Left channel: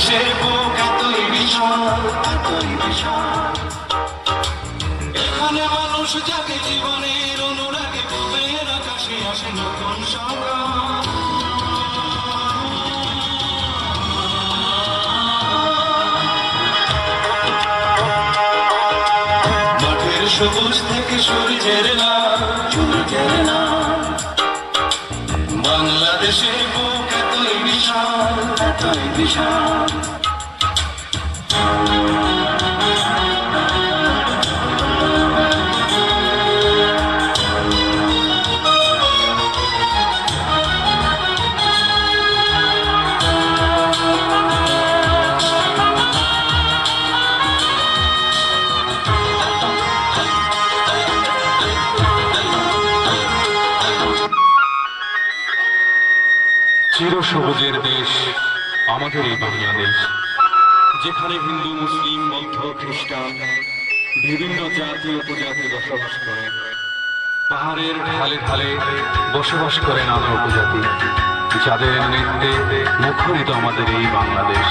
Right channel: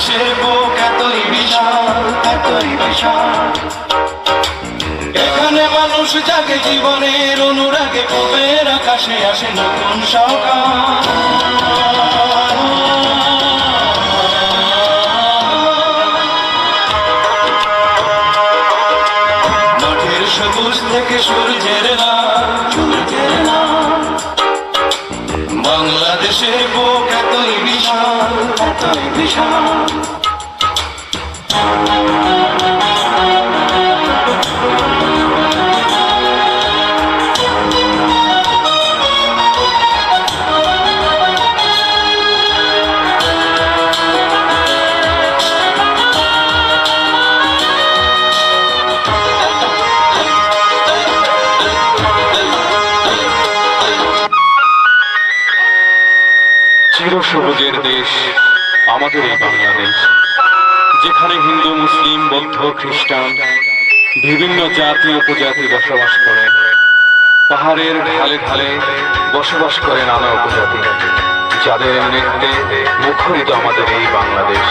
বাংলাদেশের বুক এতই বিশাল, এতই বিশাল। এখানে মানুষ জাগে জীবনের অনুরাগে, পূবের আকাশে আসে নতুন সকাল। মাঠের সবুজ থেকে সূর্যের লাল, সূর্যের লাল। বাংলাদেশের বুক এতই বিশাল, এতই বিশাল। চিরসবুজের দেশ আমাদের এই বাংলাদেশ, যেখানে হিন্দু, মুসলিম, বৌদ্ধ, খ্রিস্টান বিভিন্ন জাতি উপজাতি বসবাস করে। পাহাড়ের ঢালে ঢালে বসবাস করে নানা উপজাতি, যাদের নৃত্যে মুখরিত আমাদের এই বাংলাদেশ।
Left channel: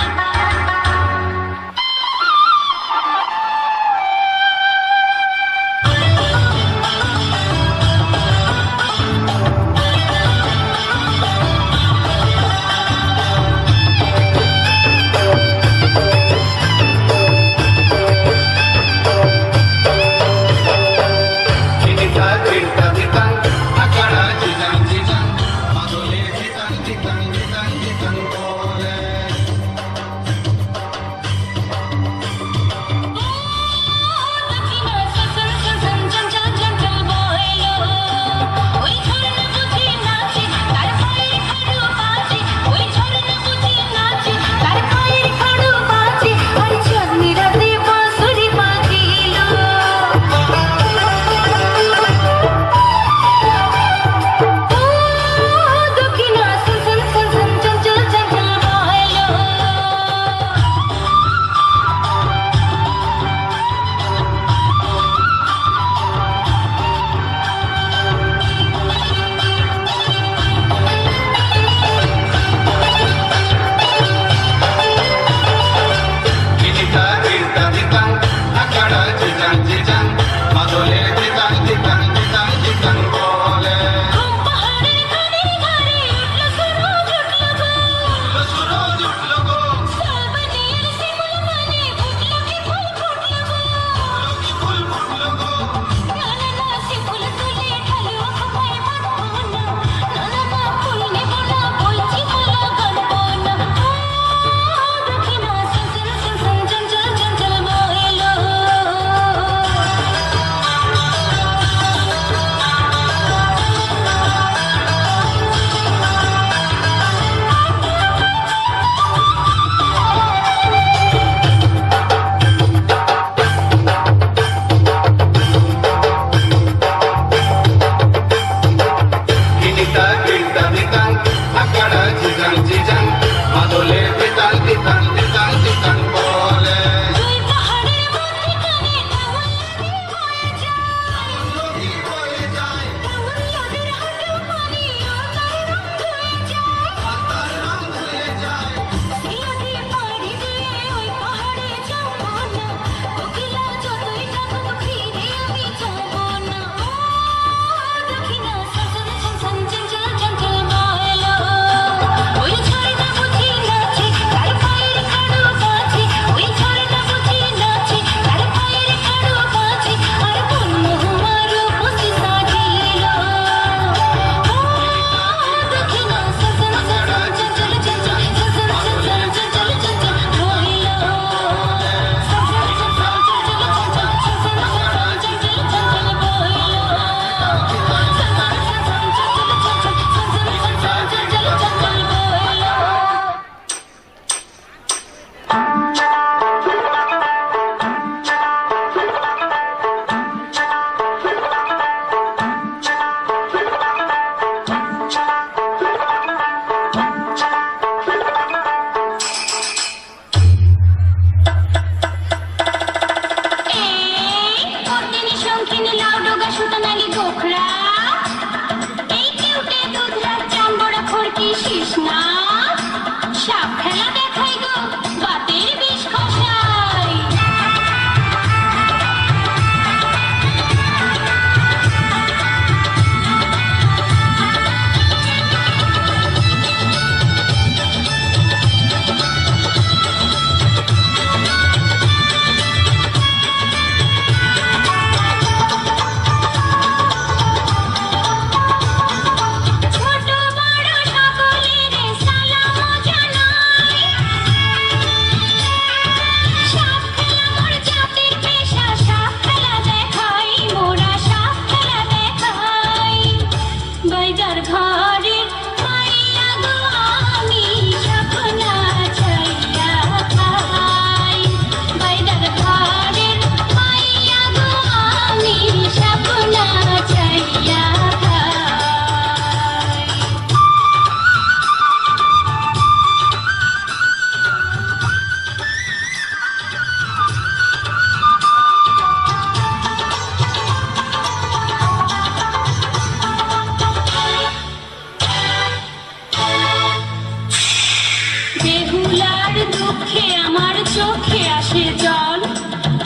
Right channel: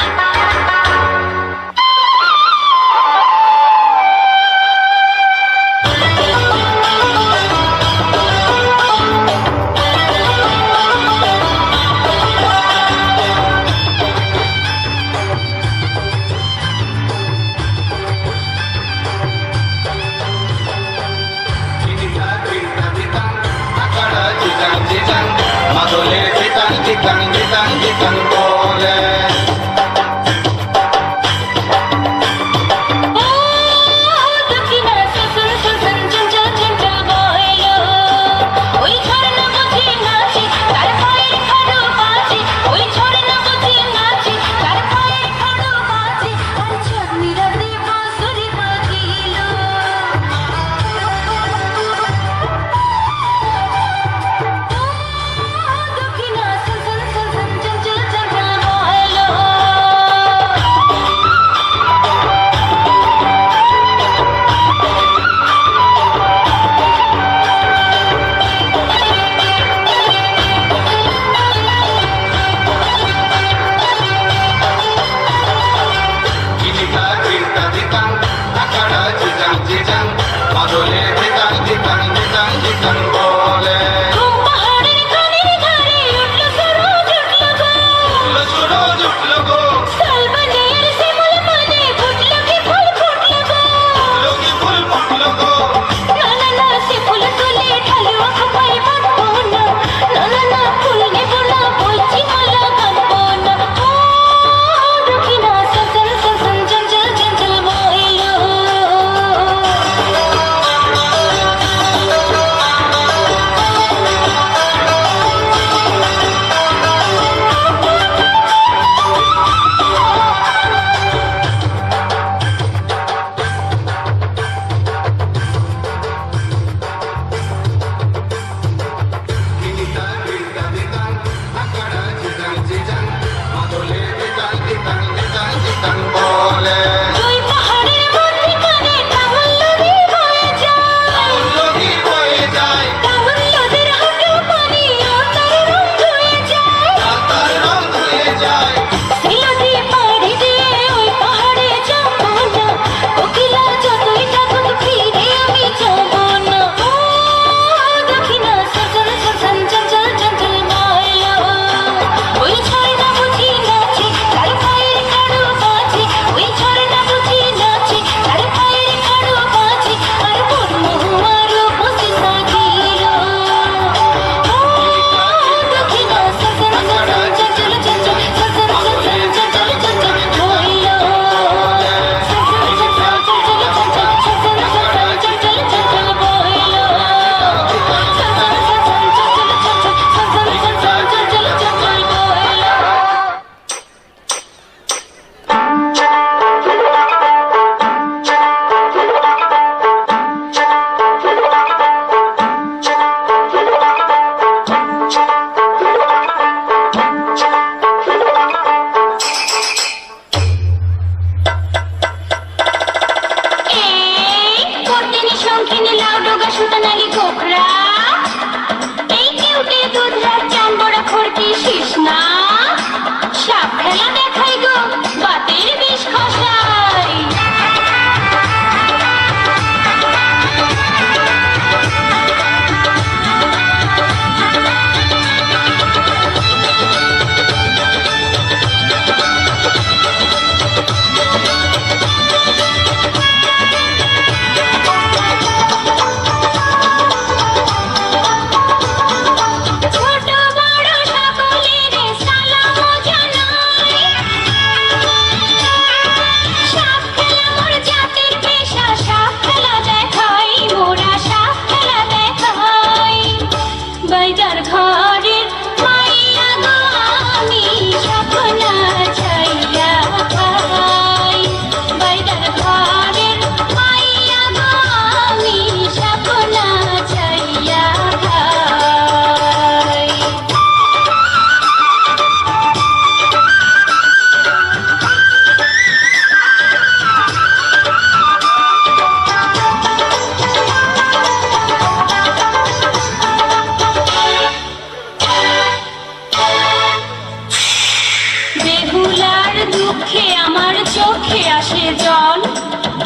চোখে আসে জল,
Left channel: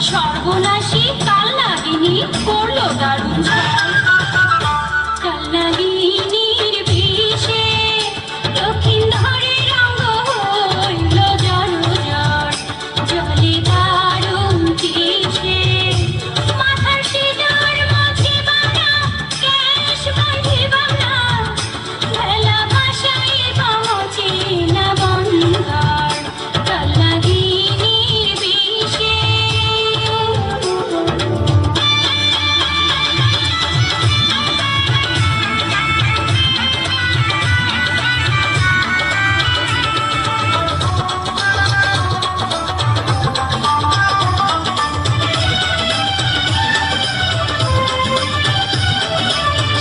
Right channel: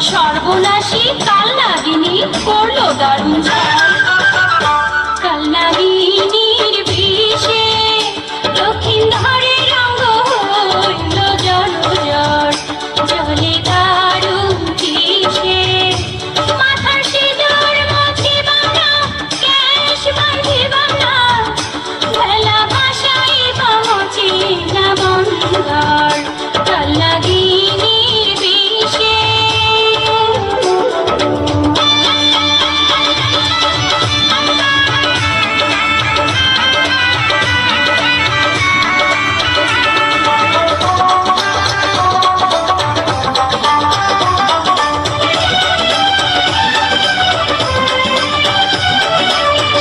সর্বনাশী কাল নাগিনী করলো দারুণ ছল। কাল নাগিনীর বিষে লক্ষিন্দরের অঙ্গ হইল জলজল, জলে দারুণ বিষে মাথার সিঁদুর মুছিবাম না, কেশ বাঁধিবাম না, ভেলা ভাসাইবাম অচেনা বন্দর। কাল নাগিনীর বিষে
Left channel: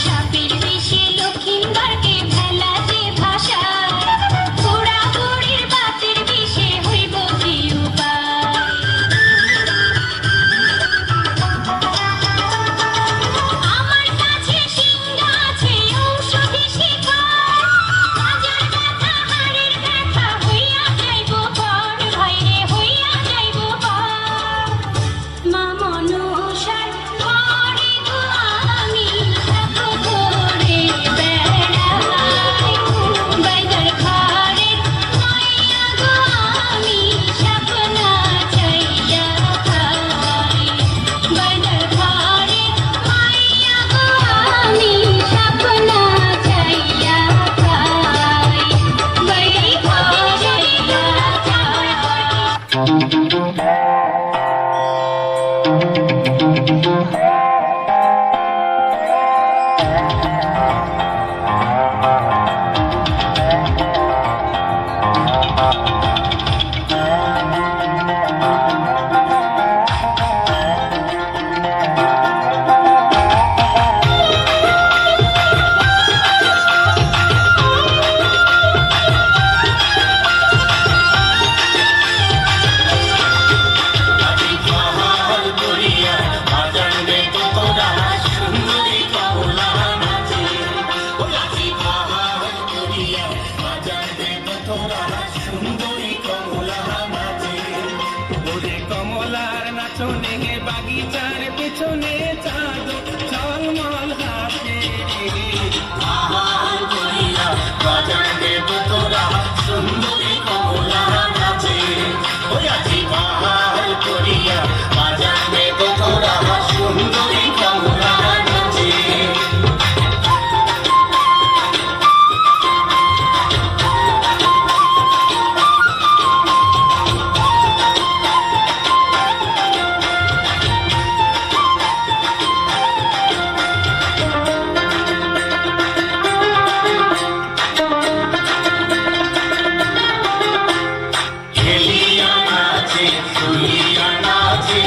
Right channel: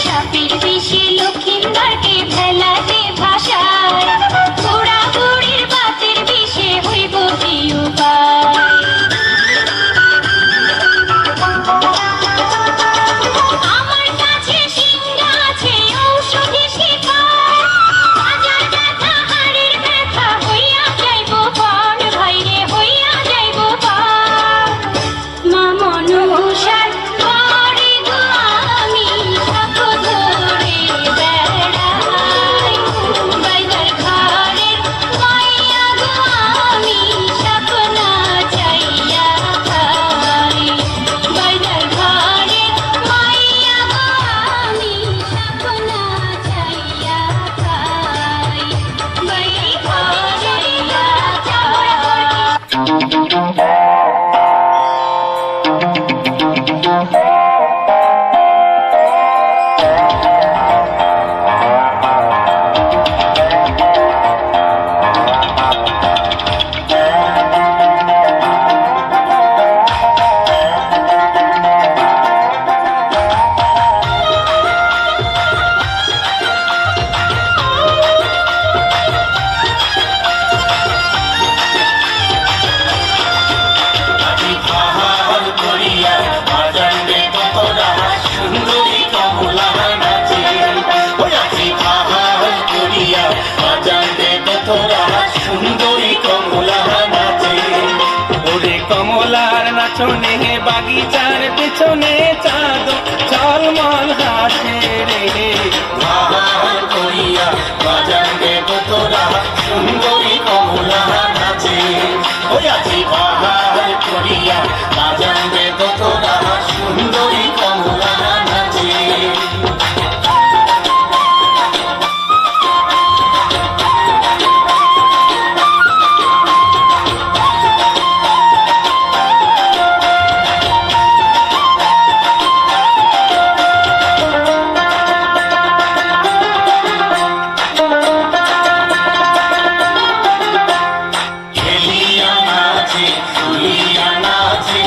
সাপের বিষে লক্ষিন্দরকে ভেলাতে ভাসায়, বুড়া বুড়ির বাতের বিষে হইব কি উপায়। আমার কাছে সিংহা আছে ঔষধি শিখা, হাজার ব্যথা হাড়ের ব্যথা হইয়া যাইব পার, ভাইরে হইয়া যাইব পার। মা মনসার ঘরে গো আমি সাপ ধরে বেড়াই, বাইদার ঘরের মাইয়া গো আমি সাপ নাচাইয়া খাই, বাইদার ঘরের মাইয়া গো আমি সাপ নাচাইয়া খাই, বাইদার ঘরের আহার করিয়া বাজাইবে তোরা সুন্দরী কমলা নাচে। ওই আজি আহার করিয়া বাজাইবে তোরা সুন্দরী কমলা নাচে। ওরে কমলার নাচনে বাগিচার পিছনে চাঁদ ঝলমল হাসে রে। আহার করিয়া বাজাইবে তোরা সুন্দরী কমলা নাচে। ওই আজি আহার করিয়া বাজাইবে তোরা সুন্দরী কমলা নাচে। হেলিয়া নাচে দুলিয়া নাচে,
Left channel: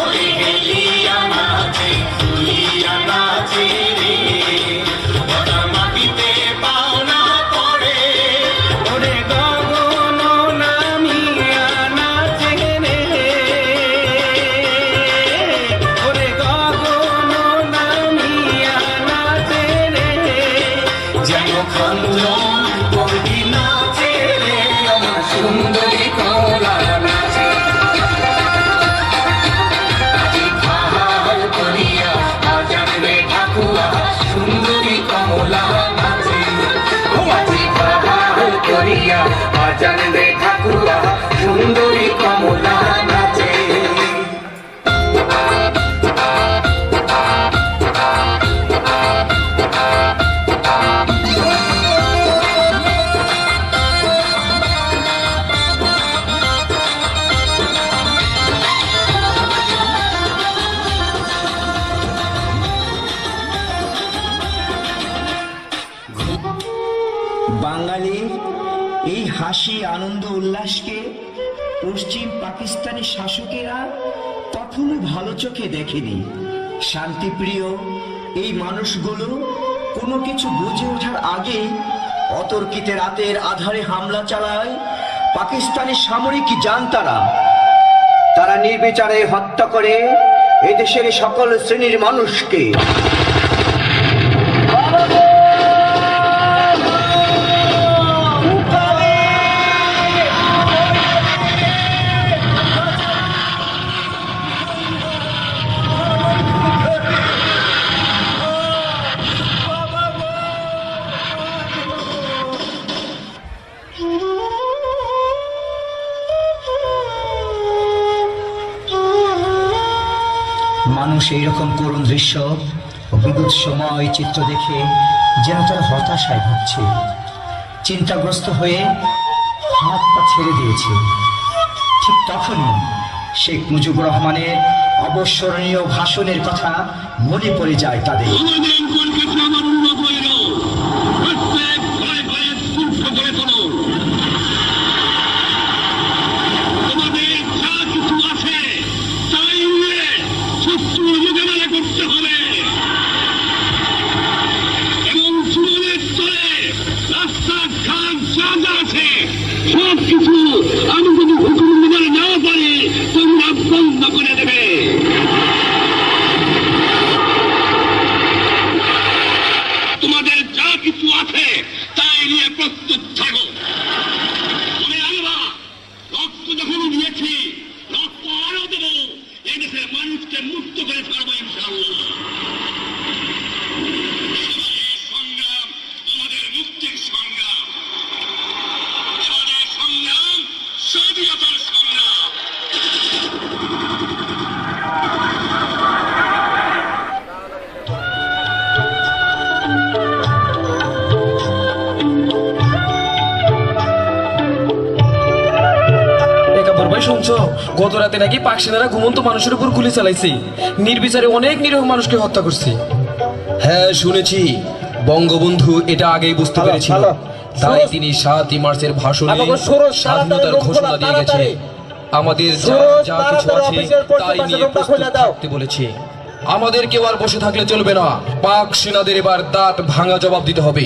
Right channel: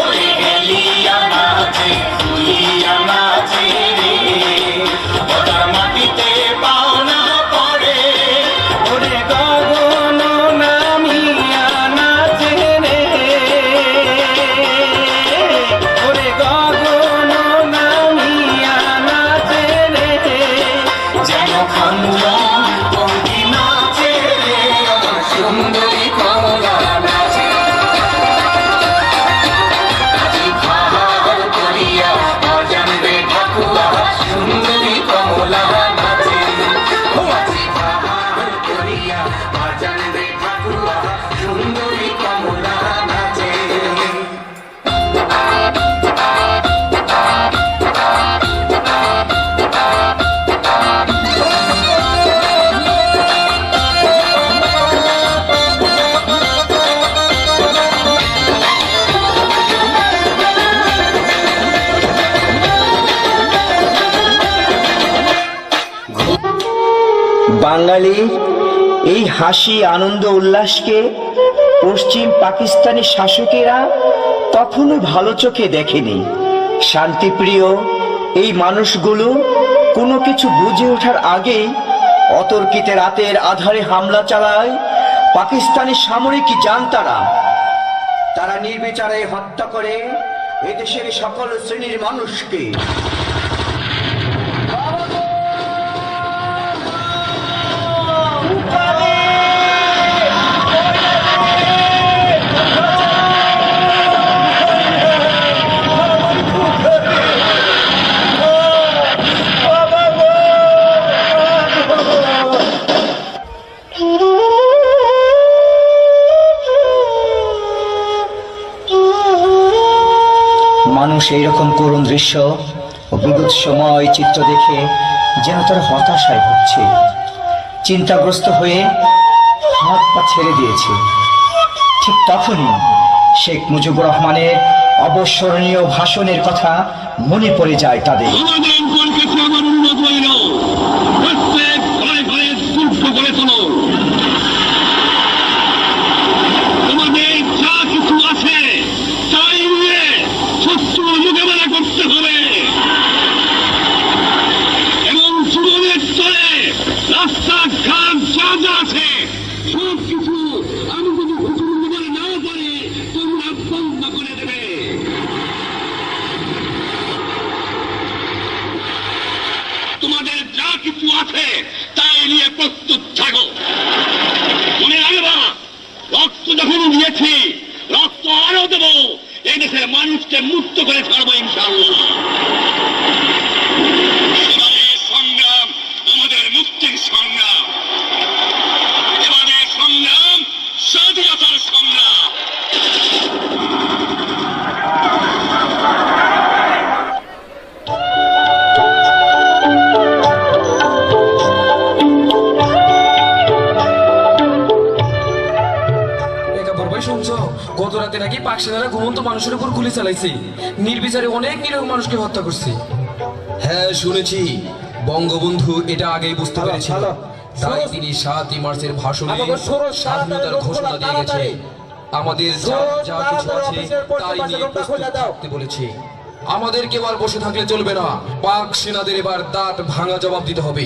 ওরে হেলিয়া নাচে দুলিয়া নাচে রে। ওরা মাটিতে পাওনা পড়ে, ওরে গগন নামিয়া নাচে রে। ওরে গগন নামিয়া নাচে রে, যেন খঞ্জন বঙ্গি নাচে রে। আমার সুন্দরী কমলা নাচে। আজি আহার করিয়া বাজাইবে ঠাকুয়া সুন্দরী কমলা নাচে। ও আজি আহার করিয়া বাজাইবে ঠাকুয়া সুন্দরী কমলা নাচে। বাঙালির এই হাসি আনন্দ উল্লাসকে পশ্চিম পাকিস্তানি শাসকেরা তখনও ভালো চোখে দেখেনি। শান্তিপ্রিয় এই মানুষগুলো কোনো কিছু বুঝে ওঠার আগেই অতর্কিতে রাতের আধারে হামলা চালায় পাকিস্তানি সামরিক জান্তারা। তারা নির্বিচারে হত্যা করে এদেশের সকল শ্রেণীর মানুষকে। মানুষ এইরকম করুণ দৃশ্য ও বিদ্যুৎসময় চিত্র দেখে যেন তারা হতাশায় ভুগছে, চিন্তাগ্রস্ত হয়ে হাত পা ছেড়ে দিয়েছে। ঠিক তখনই শেখ মুজিবুর রহমানের অবসরণীয় ভাষণের কথা মনে পড়ে যায় তাদের। আমাদের কলকাতা আমার উন্নত হইল, প্রত্যেক ঘরে ঘরে সূক্ষ্ম করে তোলো। তোমাদের যা কিছু আছে তাই নিয়ে শত্রুর মোকাবেলা করতে হবে এবং জীবনের স্তরে রাস্তাঘাট যা যা আছে সব কিছু আমি যদি হুকুম দিতে না পারি তোমরা বন্ধ করে দেবে। তোমাদের যা কিছু আছে তাই নিয়ে প্রস্তুত থাকো। মনে রাখবা, রক্ত যখন দিয়েছি রক্ত আরো দেবো, এই দেশের মানুষকে মুক্ত করে ছাড়বো ইনশাআল্লাহ। এবারের সংগ্রাম আমাদের মুক্তির সংগ্রাম, এবারের সংগ্রাম স্বাধীনতার সংগ্রাম। একাবর ভাই শুনছো, গত রাতে নাকি পাক সেনারা ঘুমন্ত মানুষের উপর গুলি চালাইছে, নির্বিচারে অনেক নিরীহ মানুষকে হত্যা করছে। হ্যাঁ শুনেছি, বঙ্গবন্ধু এটা আগেই বুঝতে পেরেছিল, তাই তিনি 7 মার্চের ভাষণে স্বাধীনতার ঘোষণা দিয়ে গেছে। আমাদের যা যা কিছু আছে তাই নিয়ে প্রস্তুত থাকতে বলেছে। আমাদের কেউ আর বসে থাকলে চলবে না, পাক সেনাদের এবার দাঁত ভাঙা জবাব দিতে হবে।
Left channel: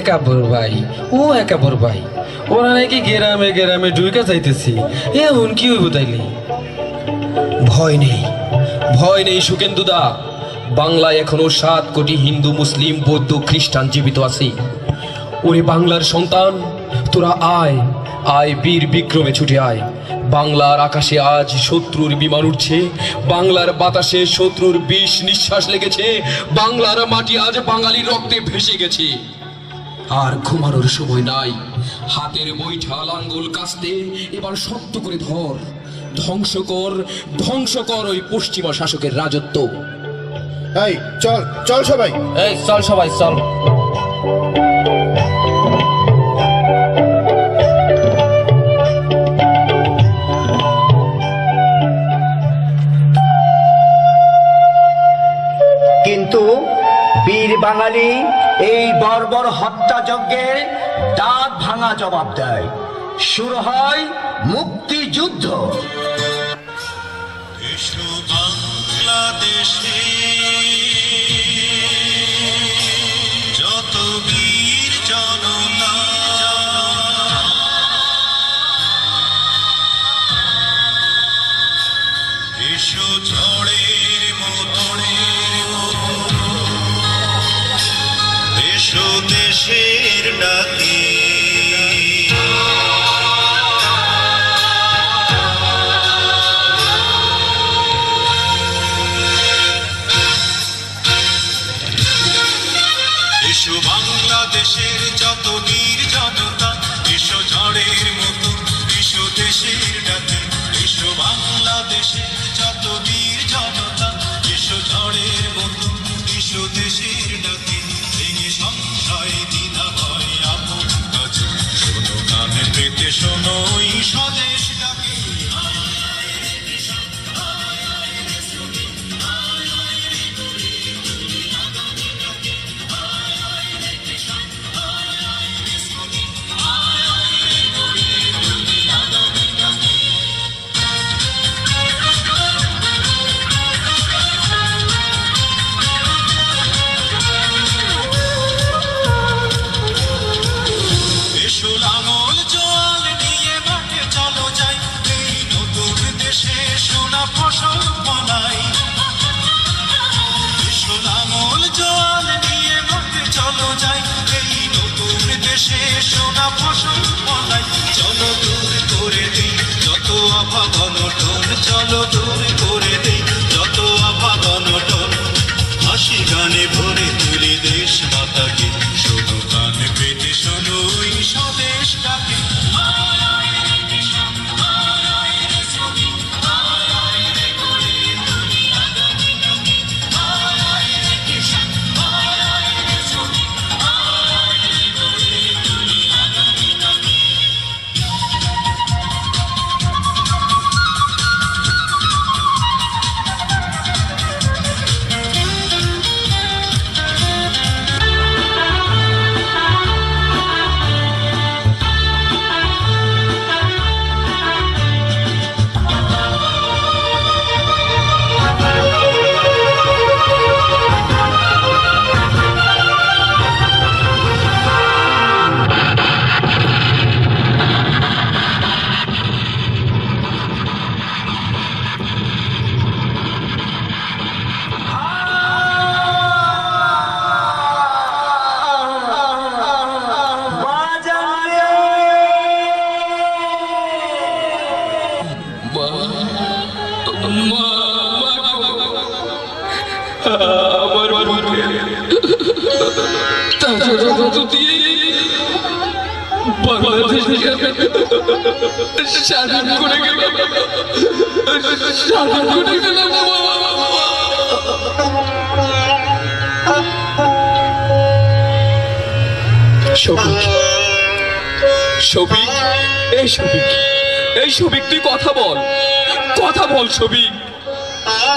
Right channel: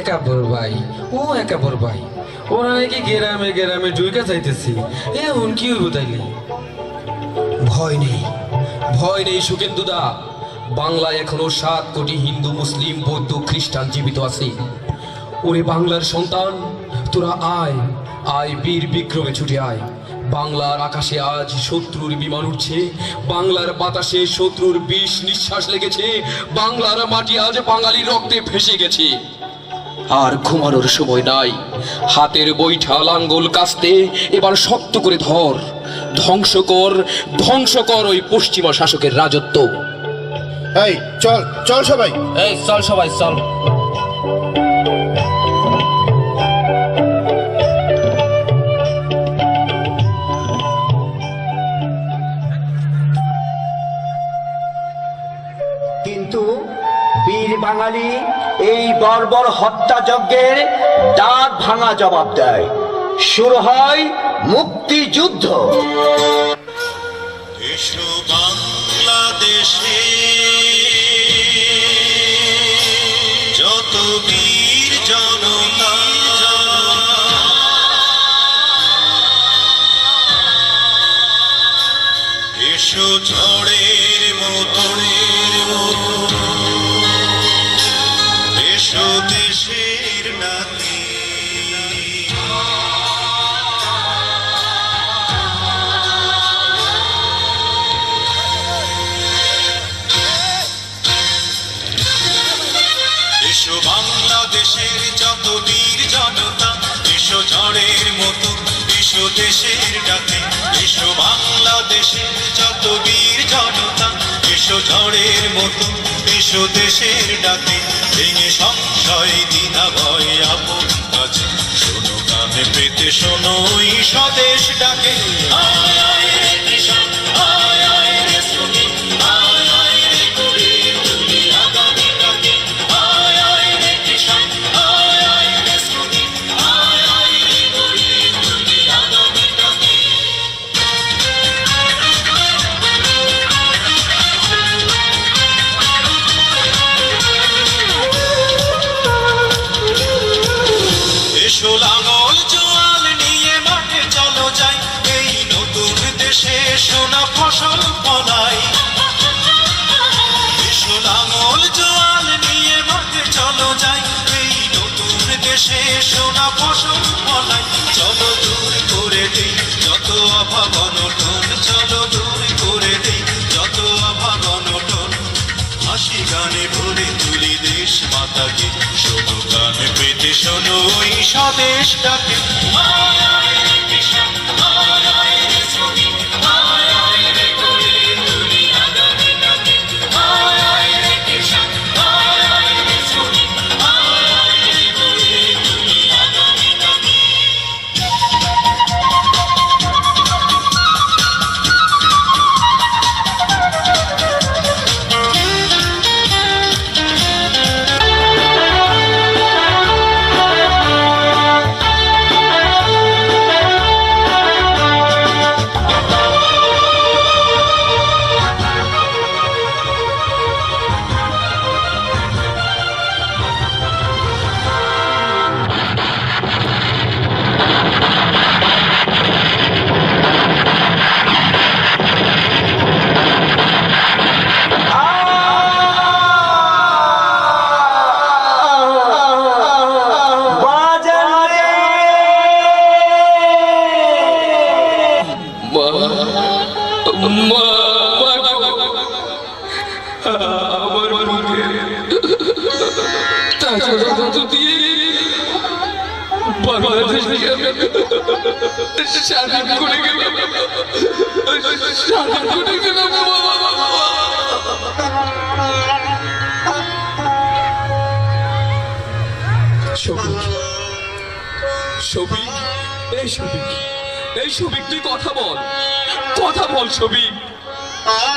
একাবর ভাই, ও একাবর ভাই, ওরা নাকি গেরামে গেরামে ঢুকে যাইতেছি, এখন কি হইব তাইলে? ভয় নেই, ভয় নেই সুকেন্দুদা, বাংলায় এখনো 7 কোটি হিন্দু, মুসলিম, বৌদ্ধ, খ্রিস্টান জীবিত আছে। ওরে বাংলার সন্তান, তোরা আয় আয়, বীর বিক্রমে ছুটে আয়। বাংলার আকাশে আজ শত্রুর বিমান উঠছে, বাংলার বাতাসে শত্রুর বিষ নিঃশ্বাস লেগেছে, বাংলার মাটি আজ বাঙালির রক্তে ভেসে গেছে। আর ঘুমানোর সময় নাই, হাতের বৈঠা লাঙ্গল কাস্তে এবার শক্ত করে ধর, ধ্বংস কর ওই পশ্চিমা শাসকের রাজত্ব। এই চল চল সবাই। এই চল সবাই চল। কিন্তু বীর বাঙালি এই বর্বর হত্যাযজ্ঞের দাঁত ভাঙা জবাব দেয়। শুরু হয় মুক্তিযুদ্ধ। এসো বাংলাদেশে যত বীর জনতা, এসো ঝড়ের মতো, এসো দেশের ডাকে। এসো বাংলাদেশের যত বীর জনতা, এসো ঝড়ের মতো, এসো দেশের ডাকে। এসো বাংলাদেশের যত বীর জনতা, এসো ঝড়ের মতো, এসো দেশের ডাকে। ভেঙে সংশয় দ্বিধা ভয় আপন কাছে, শোনো কানে পেতে শোনো এই স্বদেশ ডাকে। আয় আয় রে কৃষক, আয় আয় রে শ্রমিক, আয় আয় রে গরিব, তুলি আগামী ডাকে। আয় আয় রে কৃষক, আয় আয় রে শ্রমিক, আয় আয় রে গরিব, তুলি আগামী ডাকে। এসো লাঙল জোয়াল নিয়ে মাঠে চলো যাই, এই নতুন দেশে সোনা ফসল ফলাই। এসো লাঙল জোয়াল নিয়ে মাঠে চলো যাই, এই নতুন দেশে সোনা ফসল ফলাই। চলো দূর করে দেই যত অভাব অনটন, চলো দূর করে দেই যত অভাব অনটন। হাসি গানে ভরে তুলি দেশ মাতাকে, শোনো কানে পেতে শোনো এই স্বদেশ ডাকে। আয় আয় রে কৃষক, আয় আয় রে শ্রমিক, আয় আয় রে গরিব, তুলি আগামী রক্ত দিয়ে বাংলাদেশকে স্বাধীন করে গেলাম, স্বাধীন করে গেলাম বাবা। শফিক, শফিক, এই শফিক, এই শফিক, তুই কথা বল, কথা বল শফিক।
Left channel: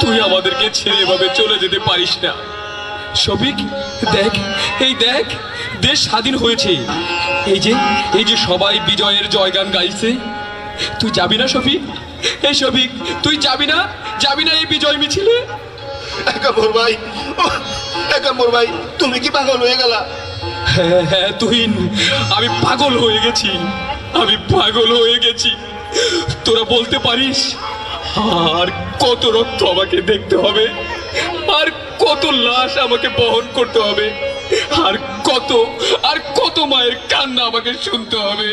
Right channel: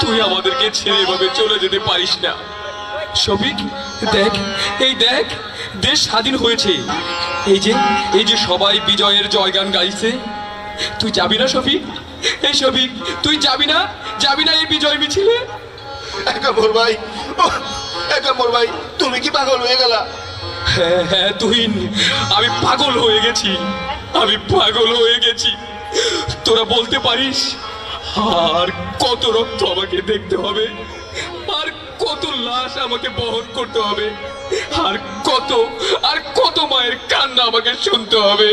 তুই আমাদেরকে ছেড়ে এভাবে চলে যেতে পারিস না শফিক। দেখ, এই দেখ, দেশ স্বাধীন হয়েছে। এই যে সবাই বিজয়ের জয়গান গাইছে। তুই যাবি না শফিক? এই শফিক, তুই যাবি না, যাবি না এই বিজয় মিছিলে? একা মোর ভাই, একা মোর ভাই, তুমি কি পাগল হয়ে গেলা? হ্যাঁ হ্যাঁ তুহিন, আমি পাগল হয়ে গেছি, আমি পাগল হয়ে গেছি। তোরা বলতে পারিস আর কত রক্ত আমাকে দেখতে হবে, আর কত লাশ আমাকে বহন করতে হবে, আর কত মায়ের কান্না আমাকে শুনতে হবে,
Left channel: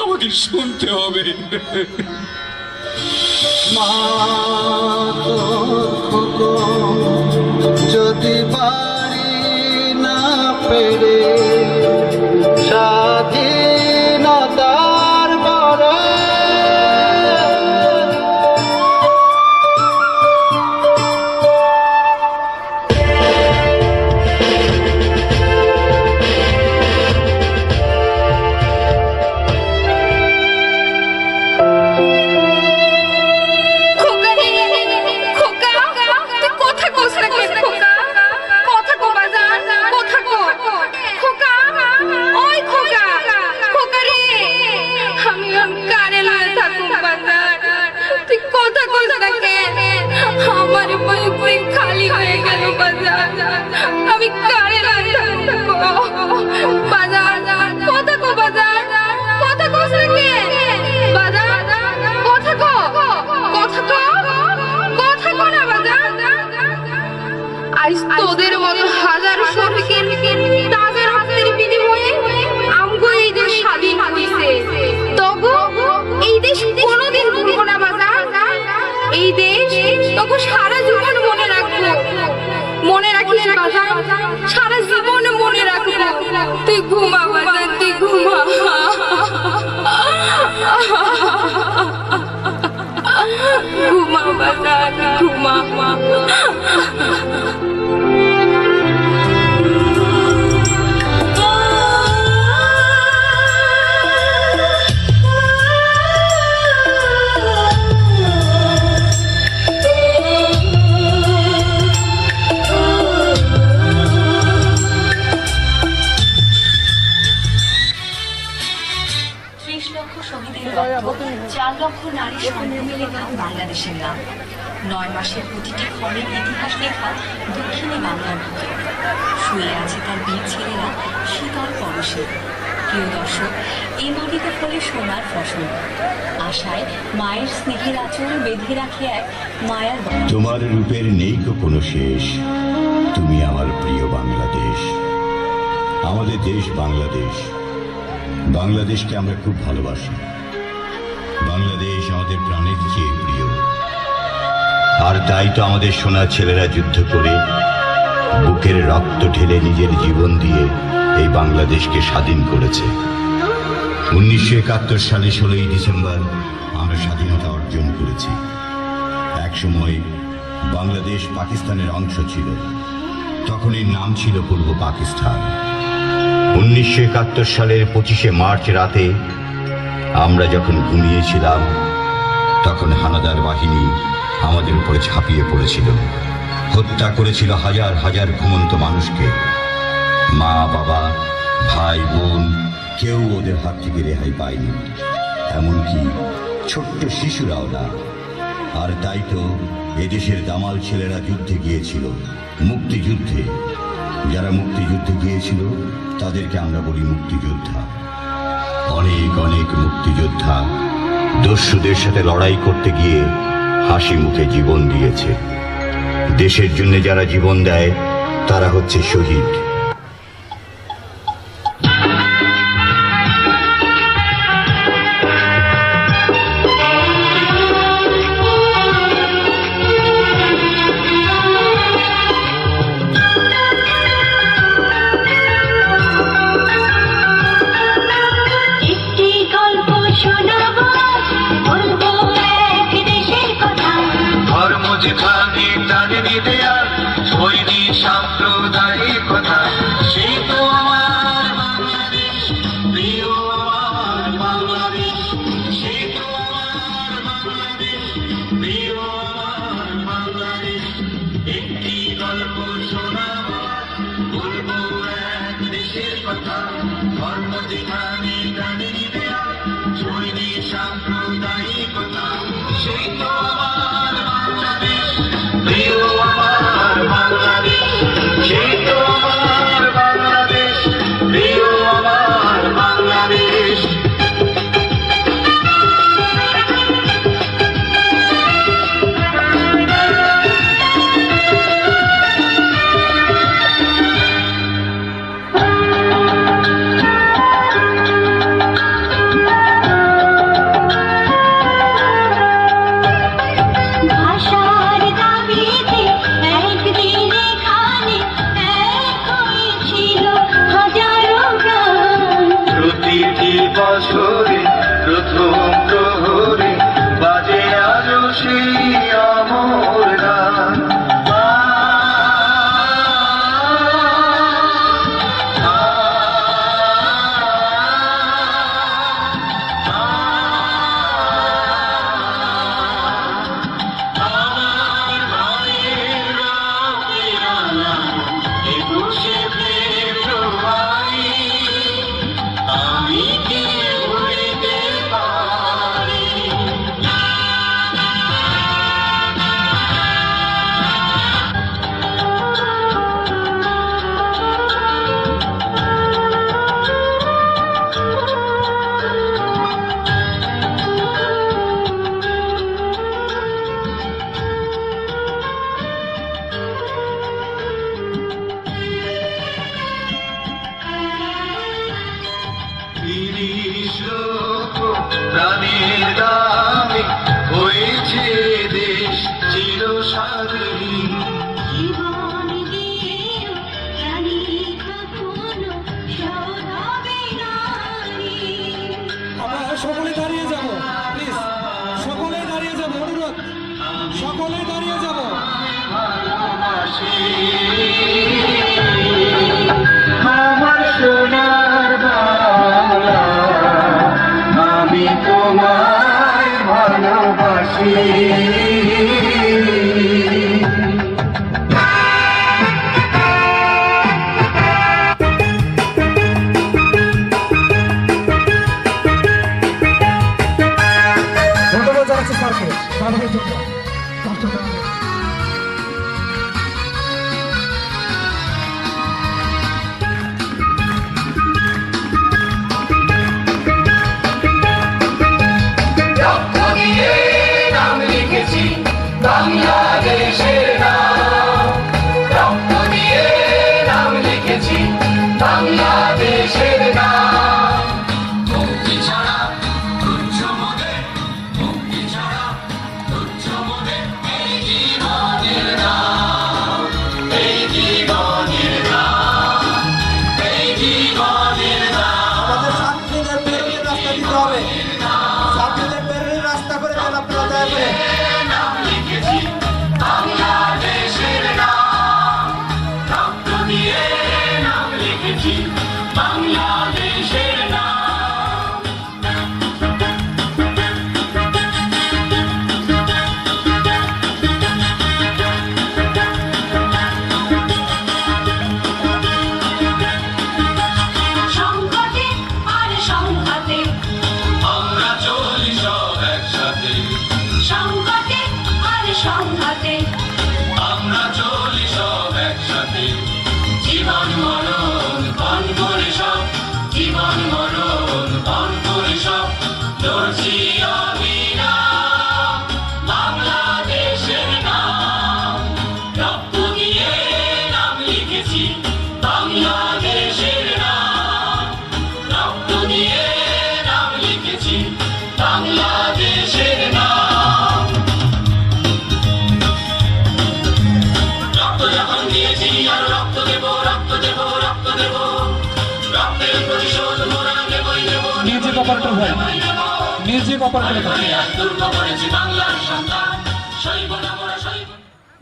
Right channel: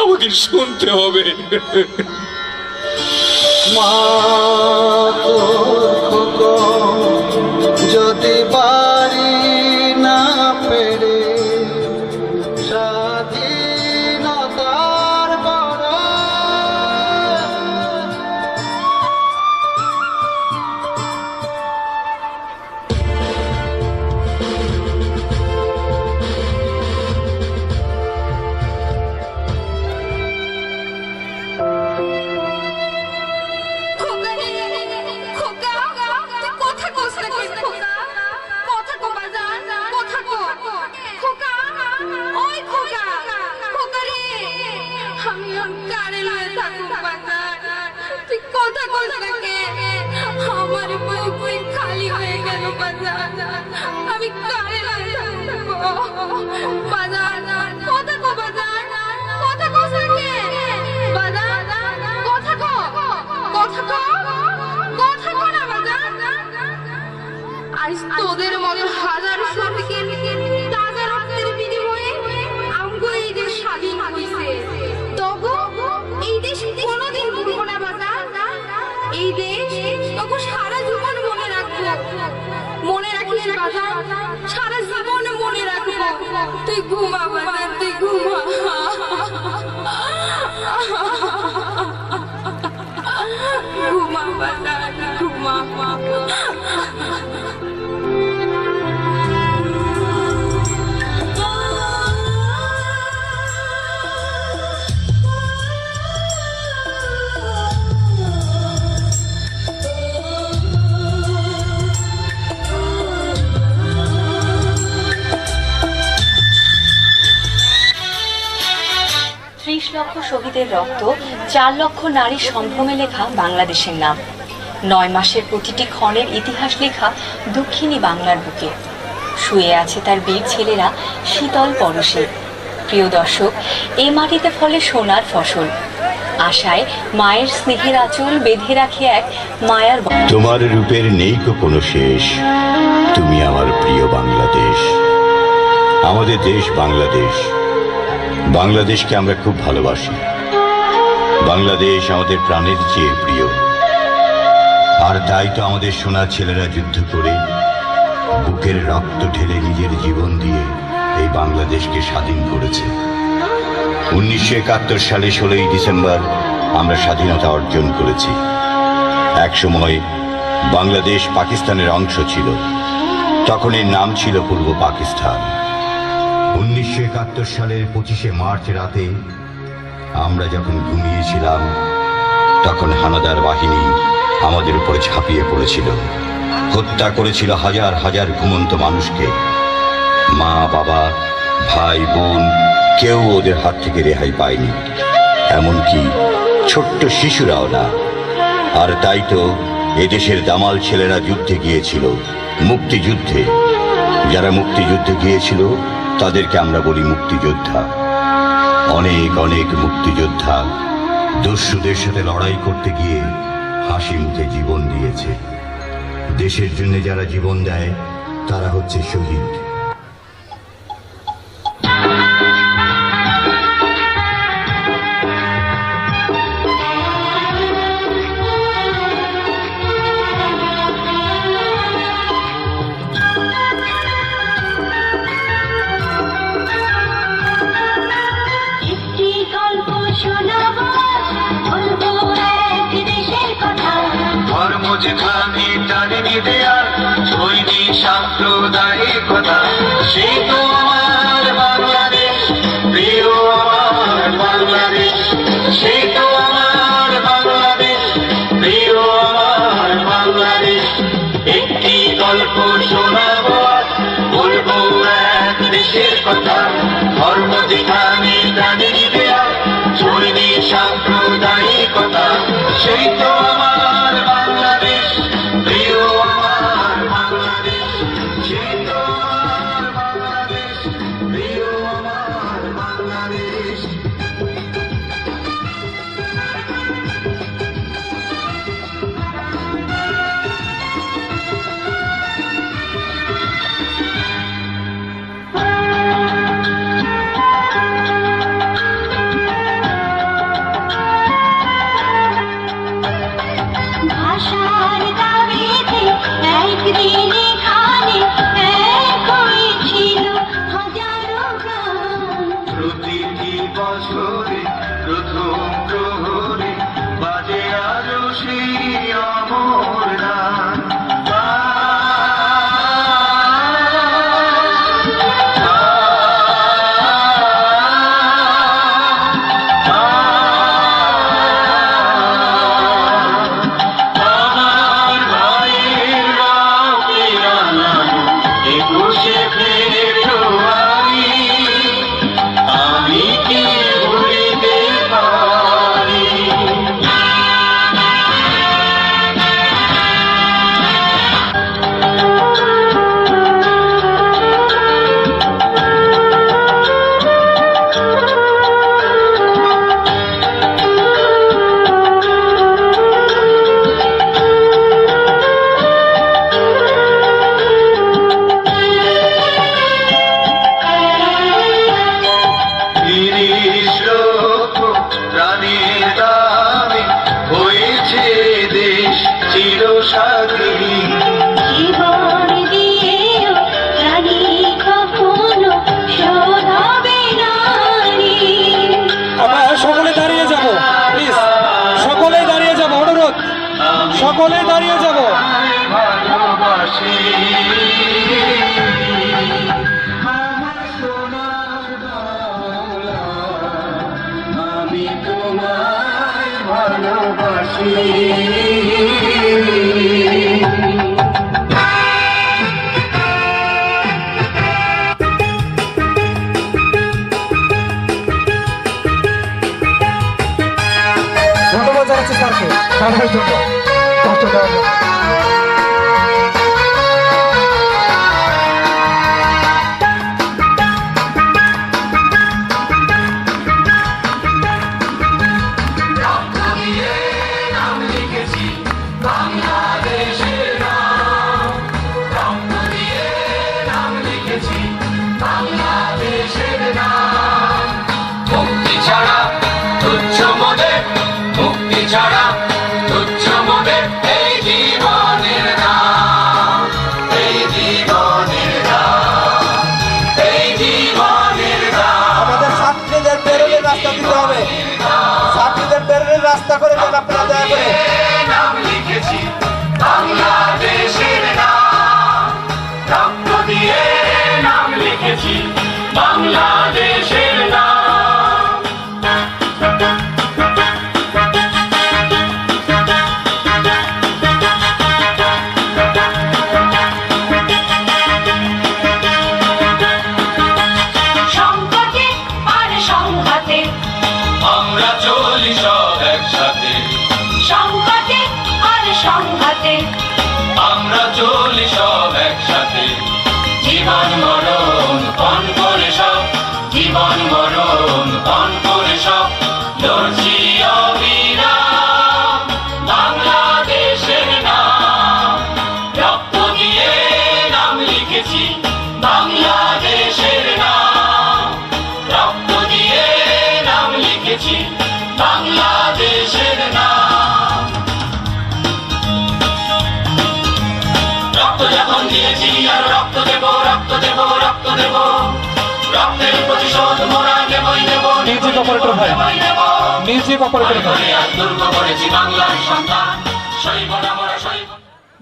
আমাকে শুনতে হবে। যদি পারি না পেরে স্বাধীনতার বড় খোকা রে, খোকা, তুই কথা কস না কেন খোকা? কথা কো বাজান, কথা কো। খোকা, ওই খোকা, খোকা রে, আমি কানে লয়ে থাকুম বাজান। তুই কথা কস না কেন? আমার বুক খালি হয়ে গেল বাজান, আমি কানে লয়ে থাকুম বাজান। কথা কো বাজান, কথা কস না কেন? বাজান, কথা কো, কথা কো, কথা কো না বাজান। আজ তোদের মতো হাজার শফিকের তাজা রক্তের বিনিময়ে আমগো এই দেশ স্বাধীন হইছে। তবু এই দেশ কোনোদিন ভুলবো না বাজান। এই দেশ তোকে সারা জীবন মনে রাখবো, মনে রাখিস বাজান, সারা জীবন মনে রাখবো। তুই ঘুমা বাজান, তুই ঘুমা। ঘুমা বাজান, ঘুমা। শহীদের রক্ত, 4 লক্ষ নারী সম্ভ্রমে লেখা বাংলাদেশের নাম। 9 মাসের প্রতিটি ক্ষণের ইতিহাস লেখা দক্ষিণী বাংলার বুকে। শুয়ে আছে তার বীর ছেলেরা শীতল পরশে। প্রিয় দর্শক, এই মাটিতে ফলে সোনার ফসল। আশায় মায়ের স্নেহের আঁচল বেঁধে রাখে এক মায়ার। তোমার রূপের নেই কোনো শেষ, তুমি আমার প্রিয় বাংলাদেশ। আমাদের দেশ বাংলাদেশ, বাংলাদেশকে আমরা খুব ভালোবাসি। বাংলাদেশ আমাদের প্রাণের চেয়ে প্রিয়, আর তাই তো আমাদের সোনা ছেলেরা যুদ্ধ করে বুকের রক্ত ঢেলে নিজের জীবন দিয়ে এই বাংলাদেশকে স্বাধীন করেছে। 1971 সালে 16ই ডিসেম্বর আমরা স্বাধীনতা অর্জন করেছি। একসময় বাংলাদেশ পাকিস্তানের অংশ ছিল, তখন এর নাম ছিল পূর্ব পাকিস্তান। 1971 সালের 25শে মার্চ রাতে আমরা যখন ঘুমিয়েছিলাম, তখন হানাদার বাহিনী আমাদের উপরে ঝাঁপিয়ে পড়েছিল, হত্যা করেছিল হাজার হাজার ঘুমন্ত মানুষকে। মা বাবা ভাই বোন কেউ ওদের হাত থেকে রেহাই পায়নি, এমনকি ছোট্ট শিশুরাও না। আর তাই তো এদেশের দামাল ছেলেরা যুদ্ধে গিয়েছিল, মুক্তিযুদ্ধে। যারা মুক্তিযুদ্ধে গিয়েছিল তাদেরকে আমরা বলি মুক্তিযোদ্ধা। অনেক অনেক মুক্তিযোদ্ধা দস্যুদের সাথে লড়াই করতে গিয়ে হাসি মুখে জীবন দিয়েছে। দেশের জন্য যারা জীবন দেয় তারা হচ্ছে শহীদ। সেই তো আমার বাংলাদেশ, প্রিয় আমার বাংলাদেশ। একটি গল্প শোনাবো আজ, বলবো এক দেশের কথা। ধর্ম যেখানে প্রাণীর দেয়া, চলবে সাম্প্রদায়িকতা। সেই তো আমার বাংলাদেশ, প্রিয় আমার বাংলাদেশ। সেই তো আমার বাংলাদেশ, প্রিয় আমার বাংলাদেশ। ভাষার দাবিতে একদিন এখানে এক হয়েছিল হাজারো প্রাণ। প্রতিটি বছরে প্রথম প্রহরে বাজে আলো সেই অমর গান। আমার ভাইয়ের রাতের আলো, 21শে ফেব্রুয়ারি, আমি কি ভুলিতে পারি? তিরিশ লক্ষ প্রাণীর দামে হয়েছে দেশ চিরস্বাধীন। জীবন দিয়েও জানি কখনো শোধ হবে না ঋণ। আমরা সকলে দাঁড়িয়ে যাব, প্লিজ সকলে দাঁড়িয়ে যাব, অনুরোধ সকলে দাঁড়িয়ে যাব। ভালোবাসি আমার সোনার বাংলা, আমি তোমায় ভালোবাসি। ধন্যবাদ জানাচ্ছি স্যারকে তাদের জন্য কষ্ট দেওয়ার জন্য। রক্ত দিয়ে নাম লিখেছি বাংলাদেশের নাম। রক্ত দিয়ে নাম লিখেছি বাংলাদেশের নাম। মুক্তি ছাড়া তুচ্ছ মোদের, মুক্তি ছাড়া তুচ্ছ মোদের এই জীবনের নাম, এই জীবনের নাম, এই জীবনের নাম। আমাদের ছাত্রীদের বেরোলে রাস্তা দিতে হবে, ছাত্রীদের বেরোলে রাস্তা করে দেন আপনারা দয়া করে। নাম লিখেছি বাংলাদেশের নাম। রক্ত দিয়ে নাম লিখেছি বাংলাদেশের নাম। সংকটে আর সংঘাতে, আমরা চলি সব একসাথে, সংকটে আর সংঘাতে, আমরা চলি সব একসাথে। জীবন মরণ পণ করে সব, জীবন মরণ পণ করে সব লড়ছি অবিরাম বাংলাদেশের নাম। রক্ত দিয়ে নাম লিখেছি বাংলাদেশের নাম। রক্ত দিয়ে নাম লিখেছি বাংলাদেশের নাম। রক্ত যখন দিয়েছি আর রক্ত দেব, রক্ত দেব, রক্ত দেব। রক্তের প্রতিশোধ মোরা নেবই নেব, মিউজিক অপারেটর ভাই, মিউজিক অপারেটর ভাই, দুর্গ করেছি বাংলার সন্তান, শৈব না মরা শৈব।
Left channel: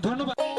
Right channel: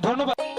ধন্যবাদ।